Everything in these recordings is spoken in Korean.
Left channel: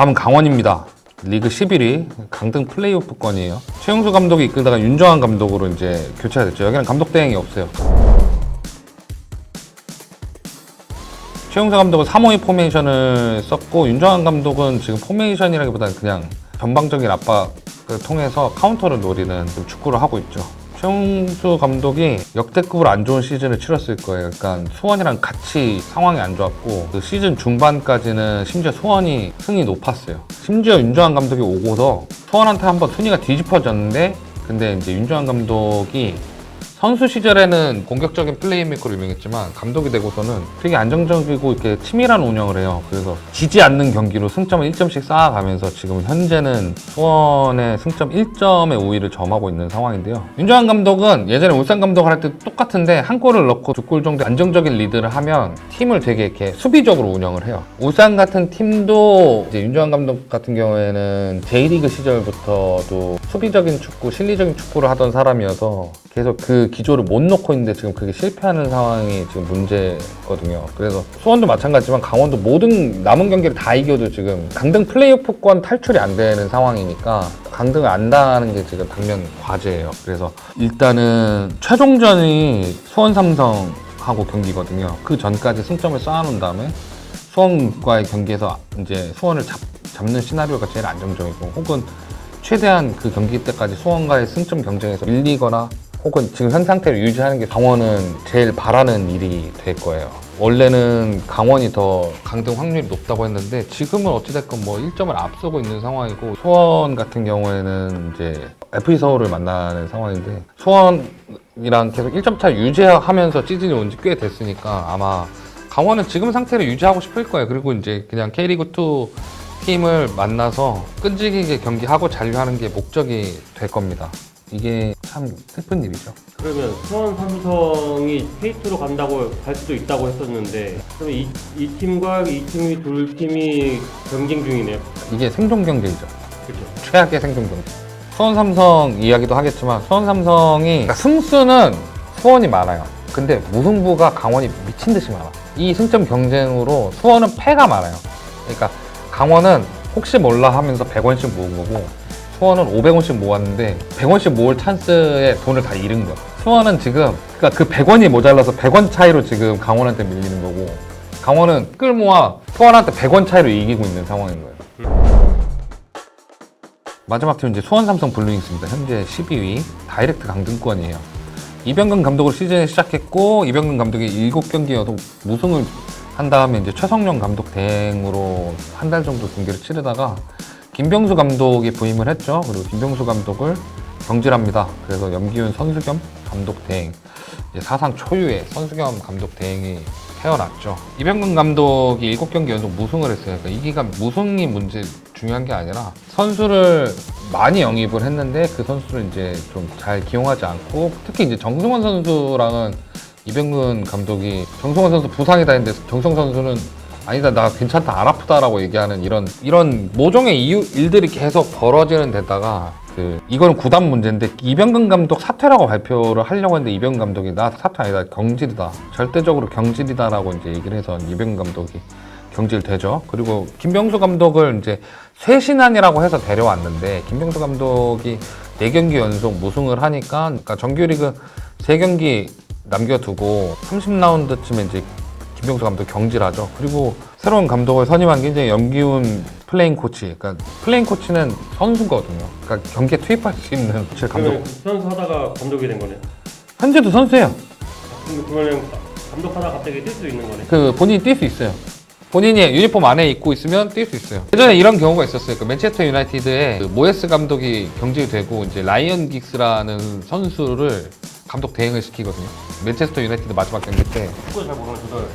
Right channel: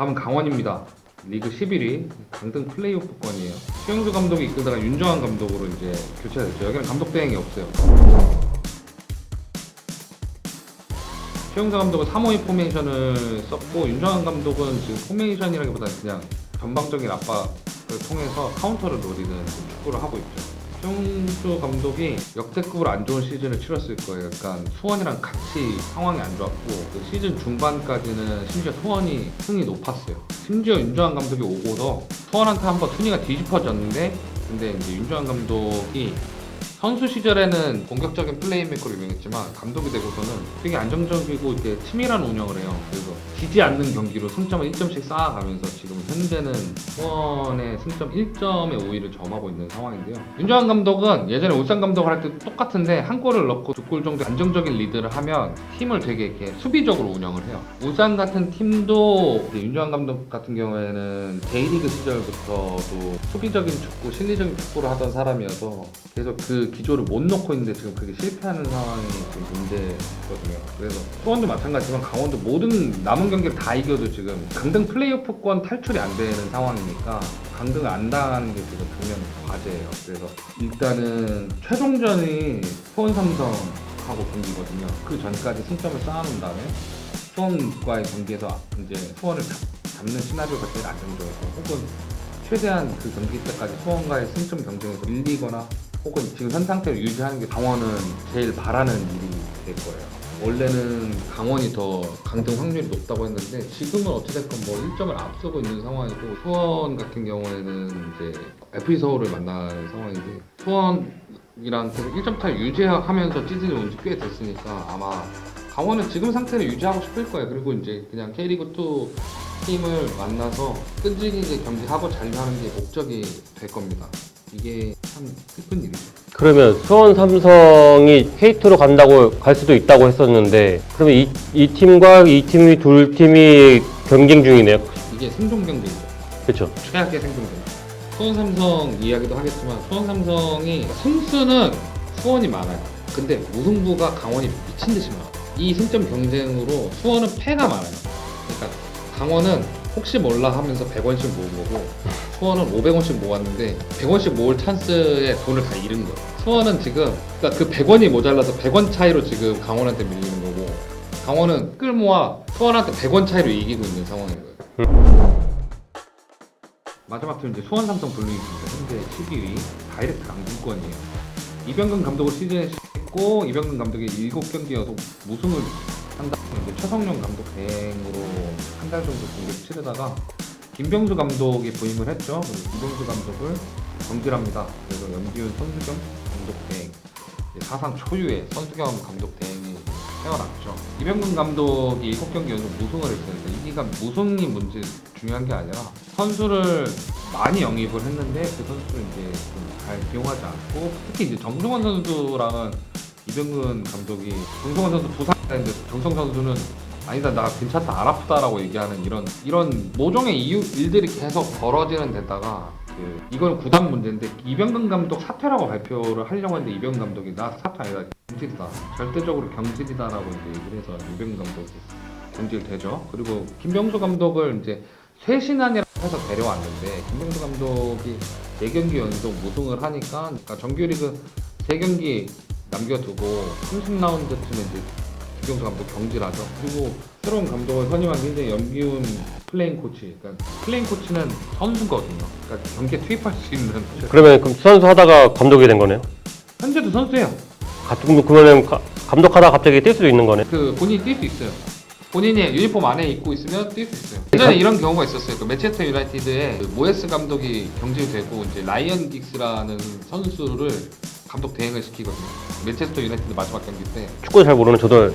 다음은 강원입니다. 리그 11위 강등 플레이오프권이에요. 최용수 감독이 이끌다가 윤정환 감독으로 이제 교체가 됐죠. 여기는 감독 대행이 없어요. 최용수 감독은 3호의 포메이션을 썼고 윤정환 감독은 지금 포메이션이라기보다는 그냥 전방적인 압박을 통해서 카운터를 노리는 지금 축구를 하고 있죠. 최용수 감독이 역대급으로 안 좋은 시즌을 치렀을 거예요. 그러니까 수원이랑 같이 상황이 안 좋았고 그 시즌 중반까지는 심지어 수원이 승이 높았어요. 심지어 윤정환 감독이 오고서 수원한테 한번 순위가 뒤집어졌는데 근데 이제 윤정환 감독이 선수 시절에는 공격적인 플레이메이커로 유명했지만 감독이 되고서는 되게 안정적이고 이렇게 치밀한 운영을 해요. 그래서 지지 않는 경기로 승점을 1점씩 쌓아가면서 지금 현재는 수원의 승점 1점의 우위를 점하고 있는 상황인데요. 윤정환 감독은 예전에 울산 감독을 할 때 똑같은데 한 골을 넣고 두 골 정도 안정적인 리드를 하면 팀을 되게 이렇게 수비적으로 운영을 해요. 울산 같은 팀도 윤정환 감독 같은 경우에는 J리그 시절부터도 수비적인 축구, 실리적인 축구를 하던 사람이어서 계속 그 기조를 못 놓고 있는데 지금 그게 실패하는 상황이 지금 문제거든요. 그래서 수원도 마찬가지지만 강원도 모든 남은 경기를 다 이겨도 지금 강등 플레이오프권 탈출이 안 되는 상황이니까 강등을 안 당하는 게 지금 당면 과제예요. 그래서 일단은 최종전이 수원 삼성하고 경기거든요. 그 전까지 승점을 쌓아놓은 다음에 수원과의 경기에서 이제 수원을 잡, 잡는 시나리오가 제일 안정적이고 혹은 최대한 그 경기 때까지 수원과의 승점 경쟁에서 밀리거나 혹은 지금 현 상태를 유지하는 게 강원은 제일 바라는 일이 될 거예요. 원래는 강원이 더 강등 확률이 높다고 했는데 지금은 어찌됐건 뭐 1점을 앞서고 있는 상황이고 수원 같은 경우에는 이제 FC 서울을 만나는 상황인데 수원이랑 계속 1점 차 유지하면서 시즌이 온 지 꽤 됐으니까 아마 강원은 지금 상태를 유지하고 싶을 거예요. 그리고 이제 그냥 K리그2 팀을 만나서 끈질기게 경기하고 잔류하는 게 목적이 될 겁니다. 이게 참 슬픈 일이죠. 그러면 수원 삼성이 K2로 간다고 갈 수도 있다고 했었는데 그러면 이, 이 팀과 이 팀이 둘 팀이 경쟁 중이네요. 이게 생존 경쟁이죠. 그렇죠. 최악의 생존 경쟁. 수원 삼성 이야기도 하겠지만 수원 삼성이 그러니까 승수는 수원이 많아요. 근데 무승부가 강원이 미친 듯이 많아. 이 승점 경쟁으로 수원은 패가 많아요. 그러니까 강원은 혹시 몰라 하면서 100원씩 모은 거고 수원은 500원씩 모았는데 100원씩 모을 찬스에 돈을 다 잃은 거예요. 수원은 지금 그러니까 그 100원이 모자라서 100원 차이로 지금 강원한테 밀리는 거고 강원은 끌모아 수원한테 100원 차이로 이기고 있는 상황인 거예요. 마지막 팀은 이제 수원 삼성 블루잉스입니다. 현재 12위 다이렉트 강등권이에요. 이병근 감독을 시즌에 시작했고 이병근 감독이 7경기 연속 무승을 한 다음에 이제 최성용 감독 대행으로 한 달 정도 경기를 치르다가 김병수 감독이 부임을 했죠. 그리고 김병수 감독을 경질합니다. 그래서 염기훈 선수 겸 감독 대행 사상 초유의 선수 겸 감독 대행이 태어났죠. 이병근 감독이 7경기 연속 무승을 했어요. 그러니까 이 기간 무승이 문제 중요한 게 아니라 선수를 많이 영입을 했는데 그 선수를 이제 좀 잘 기용하지 않고 특히 이제 정승원 선수랑은 이병근 감독이 정승원 선수 부상이다 했는데 정승원 선수는 아니다 나 괜찮다 안 아프다라고 얘기하는 이런 이런 모종의 이유 일들이 계속 벌어지는 데다가 그 이거는 구단 문제인데 이병근 감독 사퇴라고 발표를 하려고 했는데 이병근 감독이 나 사퇴 아니다 경질이다 절대적으로 경질이다라고 이제 얘기를 해서 이병근 감독이 경질되죠. 그리고 김병수 감독을 이제 쇄신안이라고 해서 데려왔는데 김병수 감독이 4경기 연속 무승을 하니까 그러니까 정규리그 3경기 남겨두고 30라운드쯤에 이제 김병수 감독 경질하죠. 그리고 새로운 감독을 선임한 게 이제 염기훈 플레잉 코치. 그러니까 플레잉 코치는 선수거든요. 그러니까 경기에 투입할 수 있는. 그러면 그 선수 하다가 감독이 된 거네요. 현재도 선수예요. 가- 그러면 가- 감독하다가 갑자기 뛸 수도 있는 거네. 그 본인이 뛸 수 있어요. 본인이 유니폼 안에 입고 있으면 뛸 수 있어요. 예전에 이런 경우가 있었어요. 그 맨체스터 유나이티드의 그 모에스 감독이 경질되고 이제 라이언 긱스라는 선수를 감독 대행을 시키거든요. 맨체스터 유나이티드 마지막 경기 때 축구 잘 모르는 저도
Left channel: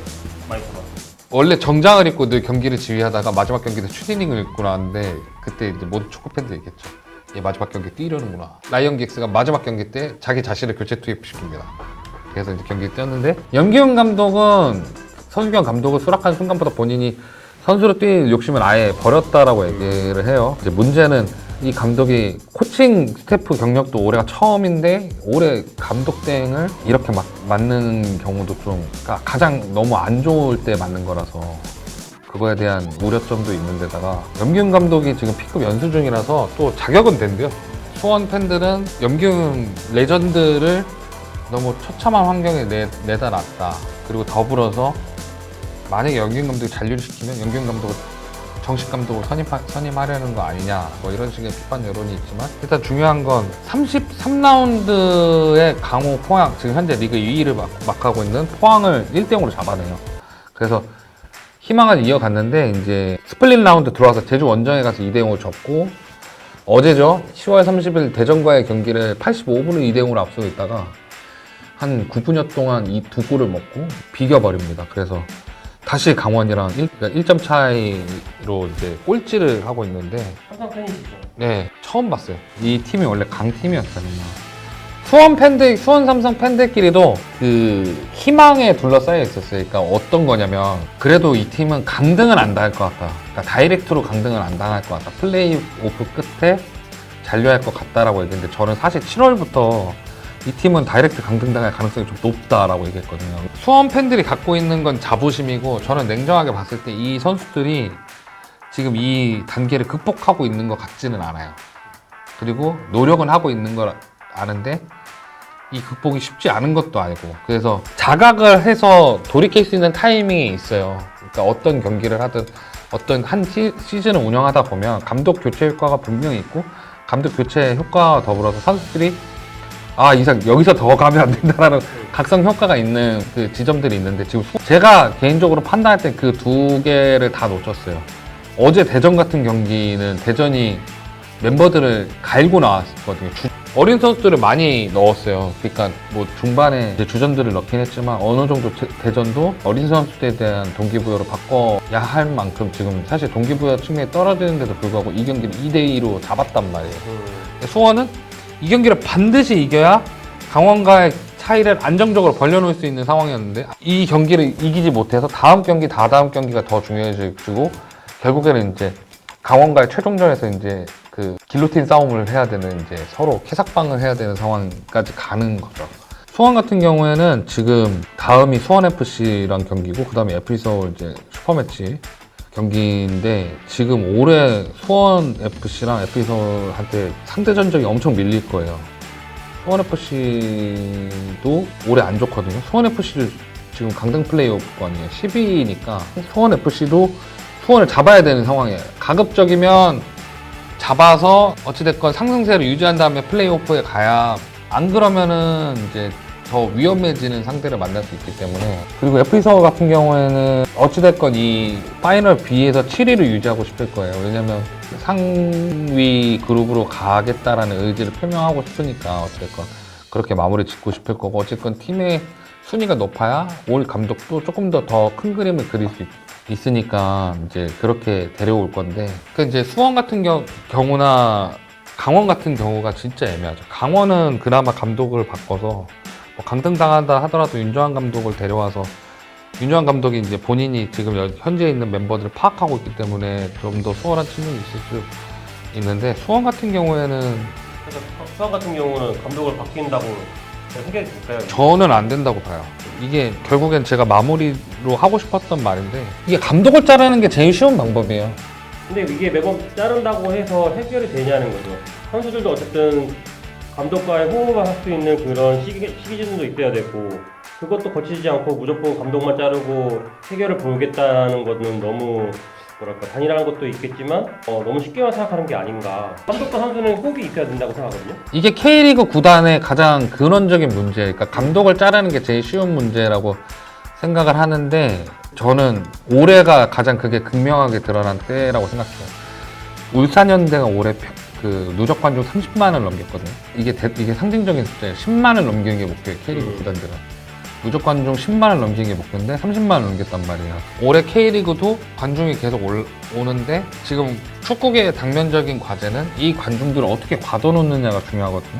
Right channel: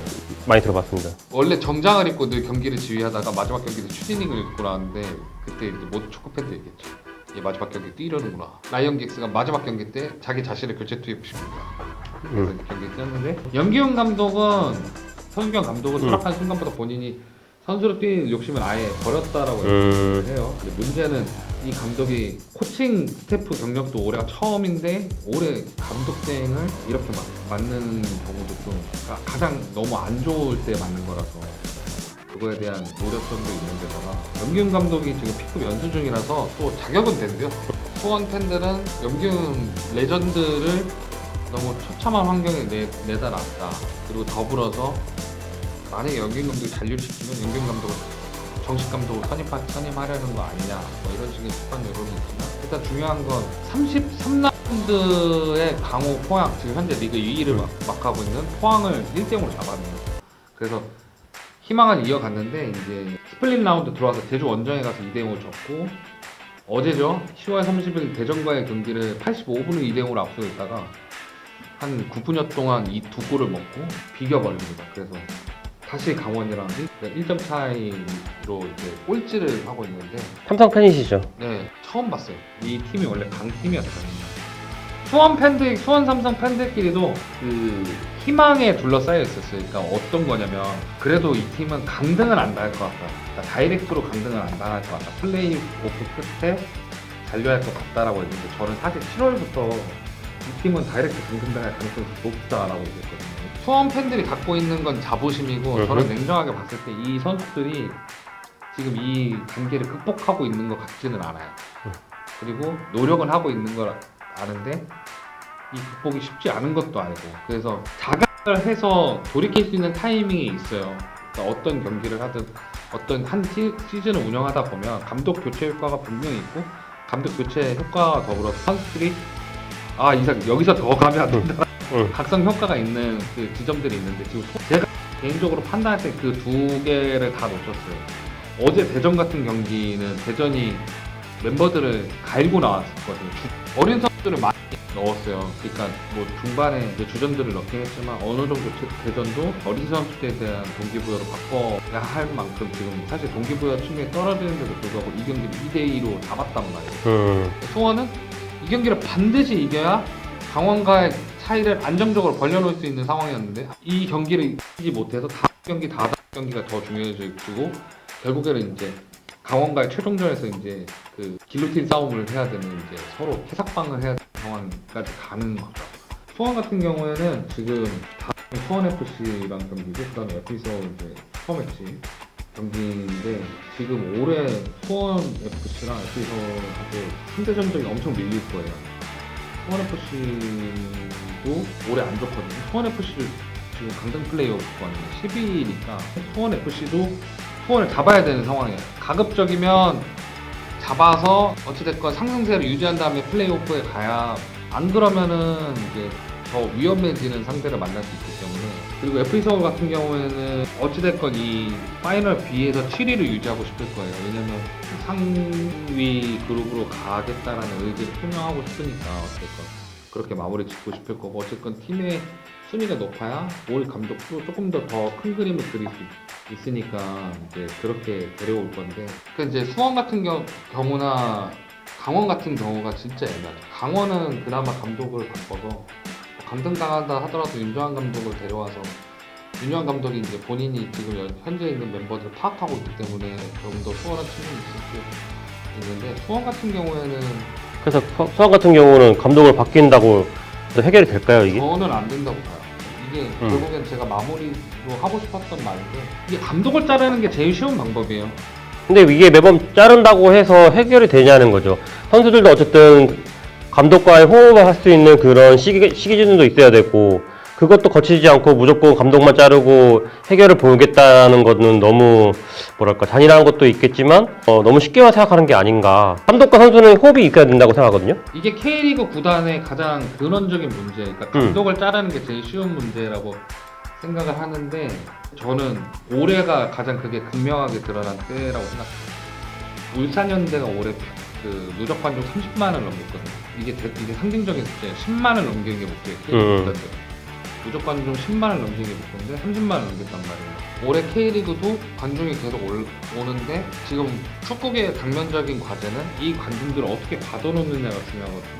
많이 들어봤습니다. 원래 정장을 입고 늘 경기를 지휘하다가 마지막 경기 때 추디닝을 입고 나왔는데 그때 이제 모든 축구 팬들 얘기했죠. 얘 마지막 경기 뛰려는구나. 라이언 긱스가 마지막 경기 때 자기 자신을 교체 투입시킵니다. 그래서 이제 경기에 뛰었는데 염기훈 감독은 선수경 감독을 수락한 순간부터 본인이 선수로 뛸 욕심을 아예 버렸다라고 음. 얘기를 해요. 이제 문제는 이 감독이 코칭 스태프 경력도 올해가 처음인데 올해 감독 대행을 이렇게 막 맞는 경우도 좀 그러니까 가장 너무 안 좋을 때 맞는 거라서 그거에 대한 우려점도 있는 데다가 염기훈 감독이 지금 B급 연수 중이라서 또 자격은 된대요. 수원 팬들은 염기훈 레전드를 너무 처참한 환경에 내, 내다 놨다. 그리고 더불어서 만약에 염기훈 감독이 잔류시키면 염기훈 감독을 정식 감독을 선임하, 선임하려는 거 아니냐 뭐 이런 식의 비판 여론이 있지만 일단 중요한 건 33라운드의 강호 포항 지금 현재 리그 2위를 막, 막하고 있는 포항을 1대 0으로 잡아내요 그래서 희망을 이어갔는데 이제 스플릿 라운드 들어와서 제주 원정에 가서 2대 0으로 졌고 어제죠 10월 30일 대전과의 경기를 85분을 2대 0으로 앞서고 있다가 한 9분여 동안 이 두 골을 먹고 비겨버립니다. 그래서 다시 강원이랑 1, 점 차이로 이제 꼴찌를 하고 있는데 삼성 팬이시죠? 네 처음 봤어요. 이 팀이 원래 강팀이었거든요. 수원 팬들, 수원 삼성 팬들끼리도 그 희망에 둘러싸여 있었어요. 그러니까 어떤 거냐면 그래도 이 팀은 강등은 안 당할 것 같다. 그러니까 다이렉트로 강등은 안 당할 것 같다. 플레이 오프 끝에 잔류할 것 같다라고 얘기했는데 저는 사실 7월부터 이 팀은 다이렉트 강등당할 가능성이 좀 높다라고 얘기했거든요. 수원 팬들이 갖고 있는 건 자부심이고 저는 냉정하게 봤을 때 이 선수들이 지금 이 단계를 극복하고 있는 것 같지는 않아요. 그리고 노력은 하고 있는 걸 아는데 이 극복이 쉽지 않은 것도 아니고 그래서 자각을 해서 돌이킬 수 있는 타이밍이 있어요. 그러니까 어떤 경기를 하든 어떤 한 시, 시즌을 운영하다 보면 감독 교체 효과가 분명히 있고 감독 교체 효과와 더불어서 선수들이 아 이상 여기서 더 가면 안 된다라는 응. 각성 효과가 있는 그 지점들이 있는데 지금 소- 제가 개인적으로 판단할 때 그 두 개를 다 놓쳤어요. 어제 대전 같은 경기는 대전이 멤버들을 갈고 나왔거든요. 주- 어린 선수들을 많이 넣었어요. 그러니까 뭐 중반에 이제 주전들을 넣긴 했지만 어느 정도 대- 대전도 어린 선수들에 대한 동기부여로 바꿔야 할 만큼 지금 사실 동기부여 측면에 떨어지는데도 불구하고 이 경기를 2대 2로 잡았단 말이에요. 음. 수원은 이 경기를 반드시 이겨야 강원과의 차이를 안정적으로 벌려놓을 수 있는 상황이었는데 이 경기를 이기지 못해서 다음 경기, 다다음 경기가 더 중요해지고 결국에는 이제 강원과의 최종전에서 이제 그 길로틴 싸움을 해야 되는 이제 서로 캐삭방을 해야 되는 상황까지 가는 거죠. 수원 같은 경우에는 지금 다음이 수원 FC랑 경기고 그다음에 FC 서울 이제 슈퍼매치 경기인데 지금 올해 수원 FC랑 FC 서울한테 상대 전적이 엄청 밀릴 거예요. 수원 FC도 올해 안 좋거든요. 수원 FC를 지금 강등 플레이오프권이에요. 10위니까 수원 FC도 수원을 잡아야 되는 상황이에요. 가급적이면 잡아서 어찌됐건 상승세를 유지한 다음에 플레이오프에 가야 안 그러면은 이제 더 위험해지는 상대를 만날 수 있기 때문에. 그리고 FC 서울 같은 경우에는 어찌됐건 이 파이널 B에서 7위를 유지하고 싶을 거예요. 왜냐면 상위 그룹으로 가겠다라는 의지를 표명하고 싶으니까 어찌됐건 그렇게 마무리 짓고 싶을 거고 어쨌건 팀의 순위가 높아야 올 감독도 조금 더 더 큰 그림을 그릴 수 있, 있으니까 이제 그렇게 데려올 건데. 그 이제 수원 같은 경, 경우나 강원 같은 경우가 진짜 애매하죠. 강원은 그나마 감독을 바꿔서 뭐 강등당한다 하더라도 윤정환 감독을 데려와서 윤정환 감독이 이제 본인이 지금 여- 현지에 있는 멤버들을 파악하고 있기 때문에 좀 더 수월한 측면이 있을 수 있는데 수원 같은 경우에는 그래서 수- 수원 같은 경우는 감독을 바뀐다고 해결이 될까요? 이게? 저는 안 된다고 봐요. 이게 음. 결국엔 제가 마무리로 하고 싶었던 말인데 이게 감독을 자르는 게 제일 쉬운 방법이에요. 근데 이게 매번 자른다고 해서 해결이 되냐는 거죠. 선수들도 어쨌든 감독과의 호흡을 할 수 있는 그런 시기, 시기준도 있어야 되고 그것도 거치지 않고 무조건 감독만 자르고 해결을 보겠다는 거는 너무 뭐랄까 잔인한 것도 있겠지만 어, 너무 쉽게만 생각하는 게 아닌가. 감독과 선수는 호흡이 있어야 된다고 생각하거든요. 이게 K리그 구단의 가장 근원적인 문제, 그러니까 감독을 자르는 게 제일 쉬운 문제라고 생각을 하는데 저는 올해가 가장 그게 극명하게 드러난 때라고 생각해요. 울산현대가 올해 그 누적 관중 30만을 넘겼거든요. 이게 대- 이게 상징적인 숫자예요. 10만을 넘기는 게 목표예요. K리그 음. 구단들은. 누적 관중 10만을 넘기는 게 목표인데 30만을 넘겼단 말이에요. 올해 K리그도 관중이 계속 올- 오는데 지금 축구계의 당면적인 과제는 이 관중들을 어떻게 가둬놓느냐가 중요하거든요.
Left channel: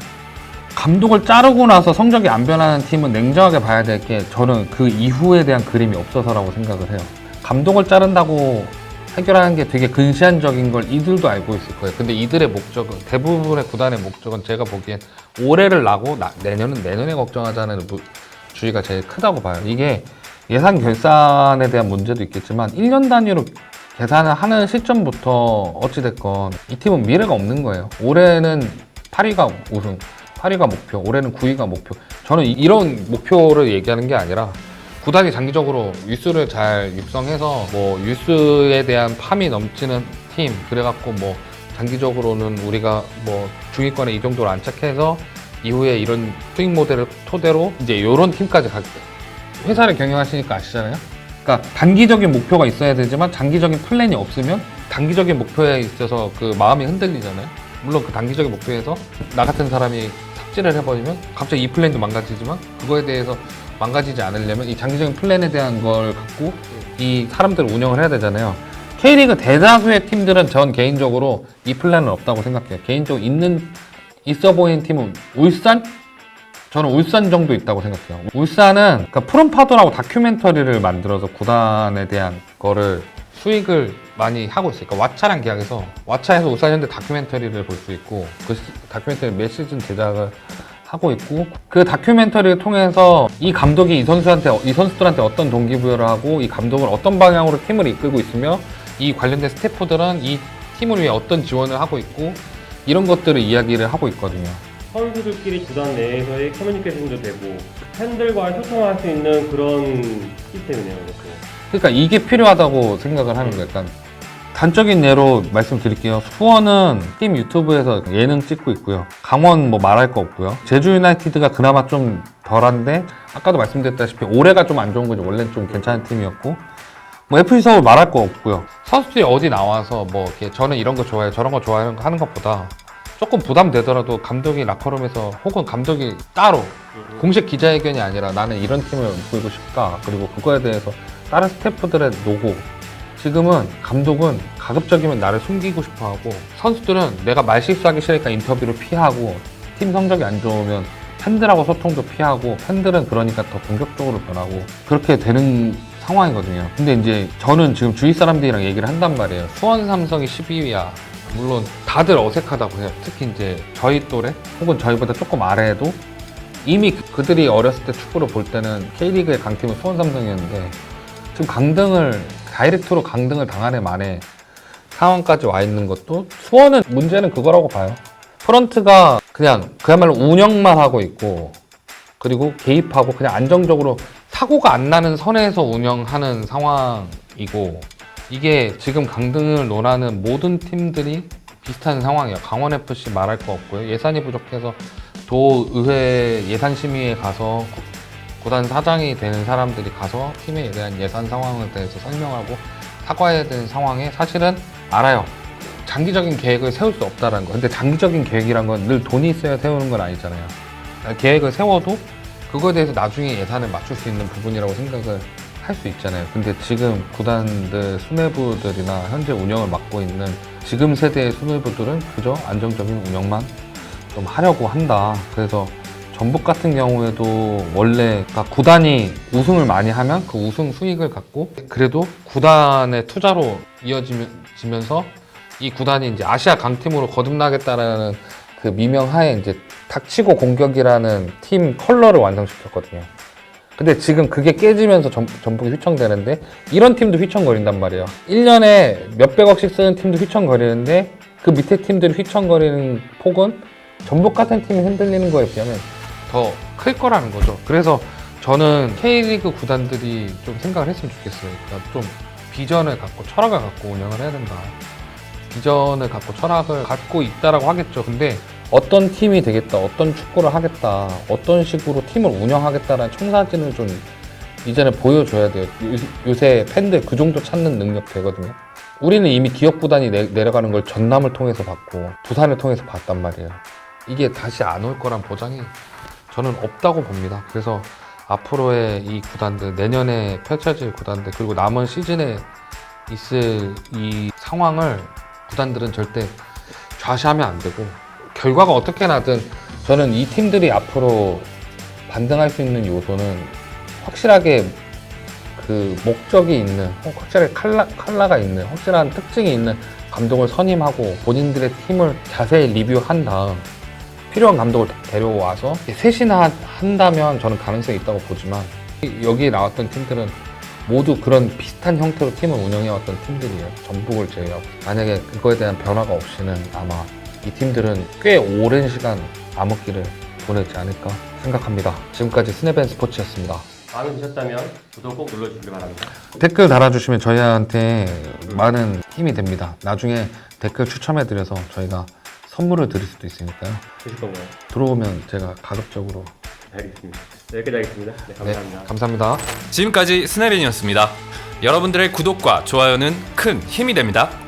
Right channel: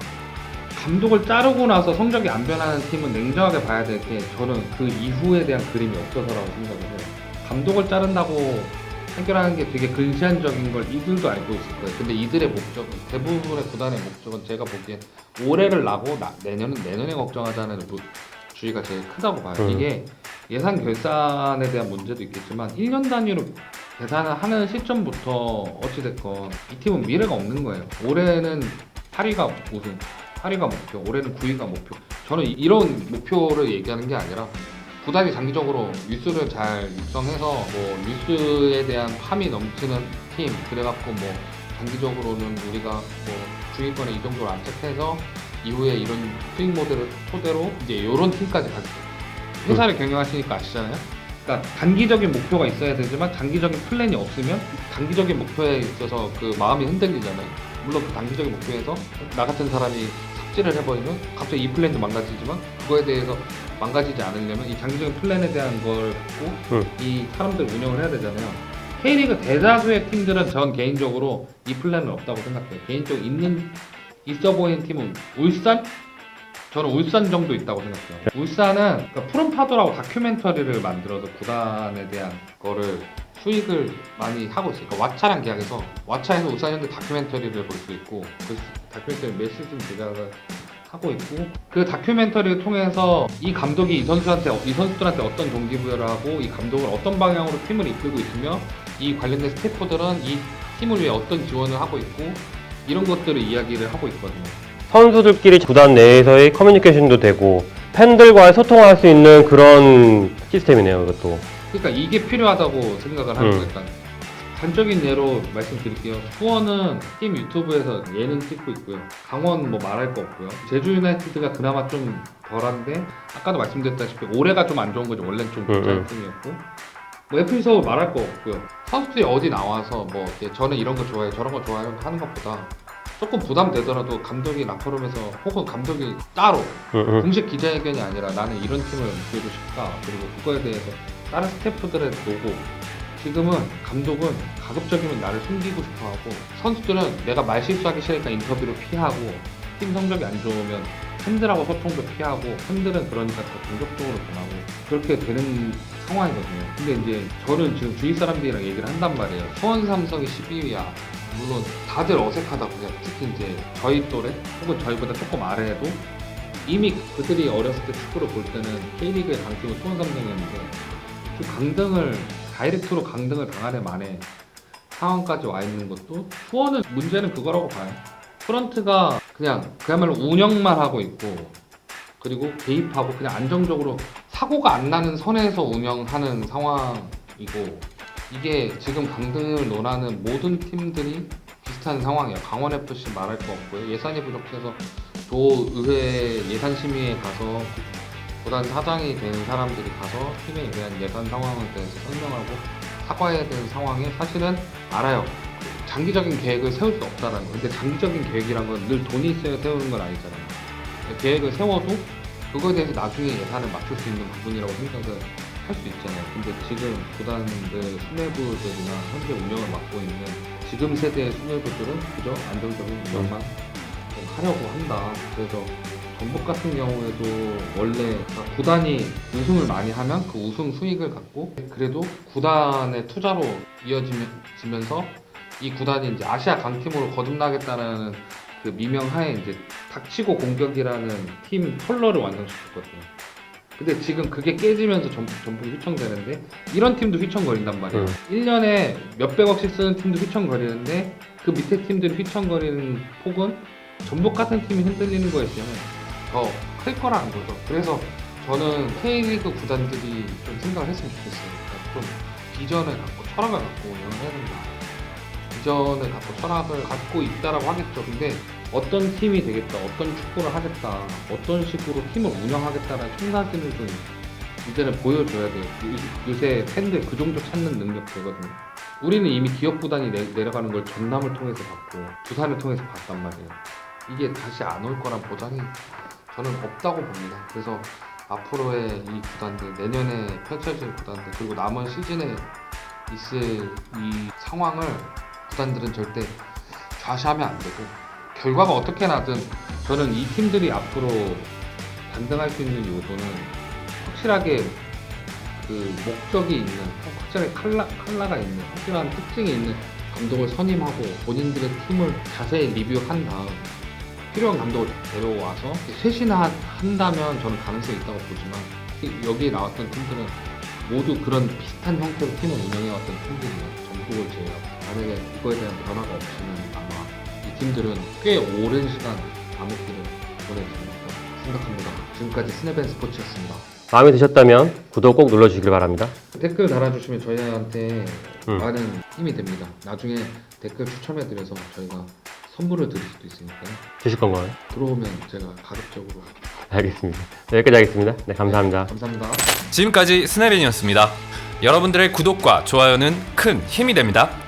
감독을 자르고 나서 성적이 안 변하는 팀은 냉정하게 봐야 될 게 저는 그 이후에 대한 그림이 없어서라고 생각을 해요. 감독을 자른다고 해결하는 게 되게 근시안적인 걸 이들도 알고 있을 거예요. 근데 이들의 목적은 대부분의 구단의 목적은 제가 보기엔 올해를 나고 나- 내년은 내년에 걱정하자는 무- 주의가 제일 크다고 봐요. 음. 이게 예산 결산에 대한 문제도 있겠지만 1년 단위로 계산을 하는 시점부터 어찌됐건 이 팀은 미래가 없는 거예요. 올해는 8위가 우승, 8위가 목표, 올해는 9위가 목표. 저는 이- 이런 목표를 얘기하는 게 아니라 구단이 장기적으로 유스를 잘 육성해서 뭐 유스에 대한 팜이 넘치는 팀 그래갖고 뭐 장기적으로는 우리가 뭐 중위권에 이 정도로 안착해서 이후에 이런 수익 모델을 토대로 이제 이런 팀까지 가 회사를 경영하시니까 아시잖아요. 그러니까 단기적인 목표가 있어야 되지만 장기적인 플랜이 없으면 단기적인 목표에 있어서 그 마음이 흔들리잖아요. 물론 그 단기적인 목표에서 나 같은 사람이 삽질을 해버리면 갑자기 이 플랜도 망가지지만 그거에 대해서 망가지지 않으려면 이 장기적인 플랜에 대한 걸 갖고 음. 이 사람들을 운영을 해야 되잖아요. K리그 대다수의 팀들은 전 개인적으로 이 플랜은 없다고 생각해요. 개인적으로 있는 있어 보이는 팀은 울산? 저는 울산 정도 있다고 생각해요. 울산은 그러니까 프롬파더라고 다큐멘터리를 만들어서 구단에 대한 거를 수익을 많이 하고 있어요. 그러니까 왓챠랑 계약해서 왓챠에서 울산 현대 다큐멘터리를 볼 수 있고 그 시- 다큐멘터리 몇 시즌 제작을 하고 있고 그 다큐멘터리를 통해서 이 감독이 이 선수한테 이 선수들한테 어떤 동기부여를 하고 이 감독을 어떤 방향으로 팀을 이끌고 있으며 이 관련된 스태프들은 이 팀을 위해 어떤 지원을 하고 있고 이런 것들을 이야기를 하고 있거든요. 선수들끼리 구단 내에서의 커뮤니케이션도 되고 팬들과 소통할 수 있는 그런 시스템이네요, 이것도. 그러니까 이게 필요하다고 생각을 하는 음. 거예요. 일단 단적인 예로 말씀드릴게요. 수원은 팀 유튜브에서 예능 찍고 있고요. 강원 뭐 말할 거 없고요. 제주 유나이티드가 그나마 좀 덜한데 아까도 말씀드렸다시피 올해가 좀 안 좋은 거죠. 원래는 좀 괜찮은 음, 음. 팀이었고 뭐 FC 서울 말할 거 없고요. 선수들이 어디 나와서 뭐 이렇게 저는 이런 거 좋아해요, 저런 거 좋아해요 하는 것보다 조금 부담되더라도 감독이 라커룸에서 혹은 감독이 따로 음, 음. 공식 기자회견이 아니라 나는 이런 팀을 이끌고 싶다. 그리고 그거에 대해서 다른 스태프들의 노고. 지금은 감독은 가급적이면 나를 숨기고 싶어 하고 선수들은 내가 말 실수하기 싫으니까 인터뷰를 피하고 팀 성적이 안 좋으면 팬들하고 소통도 피하고 팬들은 그러니까 더 공격적으로 변하고 그렇게 되는 상황이거든요. 근데 이제 저는 지금 주위 사람들이랑 얘기를 한단 말이에요. 수원 삼성이 12위야. 물론 다들 어색하다고 해요. 특히 이제 저희 또래 혹은 저희보다 조금 아래에도 이미 그들이 어렸을 때 축구를 볼 때는 K리그의 강팀은 수원 삼성이었는데 지금 강등을 다이렉트로 강등을 당하네 만에 상황까지 와 있는 것도 수원은 문제는 그거라고 봐요. 프런트가 그냥 그야말로 운영만 하고 있고 그리고 개입하고 그냥 안정적으로 사고가 안 나는 선에서 운영하는 상황이고 이게 지금 강등을 논하는 모든 팀들이 비슷한 상황이야. 강원 FC 말할 거 없고요. 예산이 부족해서 도의회 예산 심의에 가서 구단 사장이 되는 사람들이 가서 팀에 대한 예산 상황에 대해서 설명하고 사과해야 되는 상황에 사실은 알아요. 장기적인 계획을 세울 수 없다라는 거. 근데 장기적인 계획이란 건 늘 돈이 있어야 세우는 건 아니잖아요. 계획을 세워도 그거에 대해서 나중에 예산을 맞출 수 있는 부분이라고 생각을 할 수 있잖아요. 근데 지금 구단들 수뇌부들이나 현재 운영을 맡고 있는 지금 세대의 수뇌부들은 그저 안정적인 운영만 좀 하려고 한다. 그래서 전북 같은 경우에도 원래 다 구단이 우승을 많이 하면 그 우승 수익을 갖고 그래도 구단의 투자로 이어지면서 이 구단이 이제 아시아 강팀으로 거듭나겠다라는 그 미명하에 이제 닥치고 공격이라는 팀 컬러를 완성시켰거든요. 근데 지금 그게 깨지면서 전, 전북이 휘청되는데 이런 팀도 휘청거린단 말이에요. 1년에 몇백억씩 쓰는 팀도 휘청거리는데 그 밑에 팀들이 휘청거리는 폭은 전북 같은 팀이 흔들리는 거에 비하면 더 클 거라는 거죠. 그래서 저는 K리그 구단들이 좀 생각을 했으면 좋겠어요. 그러니까 좀 비전을 갖고 철학을 갖고 운영을 해야 된다. 비전을 갖고 철학을 갖고 있다라고 하겠죠. 근데 어떤 팀이 되겠다, 어떤 축구를 하겠다, 어떤 식으로 팀을 운영하겠다라는 청사진을 좀 이제는 보여줘야 돼요. 요- 요새 팬들 그 정도 찾는 능력 되거든요. 우리는 이미 기업 구단이 내, 내려가는 걸 전남을 통해서 봤고 두산을 통해서 봤단 말이에요. 이게 다시 안 올 거란 보장이 저는 없다고 봅니다. 그래서 앞으로의 이 구단들, 내년에 펼쳐질 구단들, 그리고 남은 시즌에 있을 이 상황을 구단들은 절대 좌시하면 안 되고 결과가 어떻게 나든 저는 이 팀들이 앞으로 반등할 수 있는 요소는 확실하게 그 목적이 있는 확실하게 칼라, 칼라가 있는 확실한 특징이 있는 감독을 선임하고 본인들의 팀을 자세히 리뷰한 다음 필요한 감독을 데려와서 셋이나 한다면 저는 가능성이 있다고 보지만 여기 나왔던 팀들은 모두 그런 비슷한 형태로 팀을 운영해왔던 팀들이에요. 전북을 제외하고. 만약에 그거에 대한 변화가 없이는 아마 이 팀들은 꽤 오랜 시간 암흑기를 보내지 않을까 생각합니다. 지금까지 스네벤 스포츠였습니다. 마음에 드셨다면 구독 꼭 눌러주시길 바랍니다. 댓글 달아주시면 저희한테 음. 많은 힘이 됩니다. 나중에 댓글 추첨해드려서 저희가 선물을 드릴 수도 있으니까요. 드실 건가요? 들어오면 제가 가급적으로 알겠습니다. 네, 여기까지 하겠습니다. 네, 감사합니다. 네, 감사합니다. 지금까지 스네벤이었습니다. 여러분들의 구독과 좋아요는 큰 힘이 됩니다.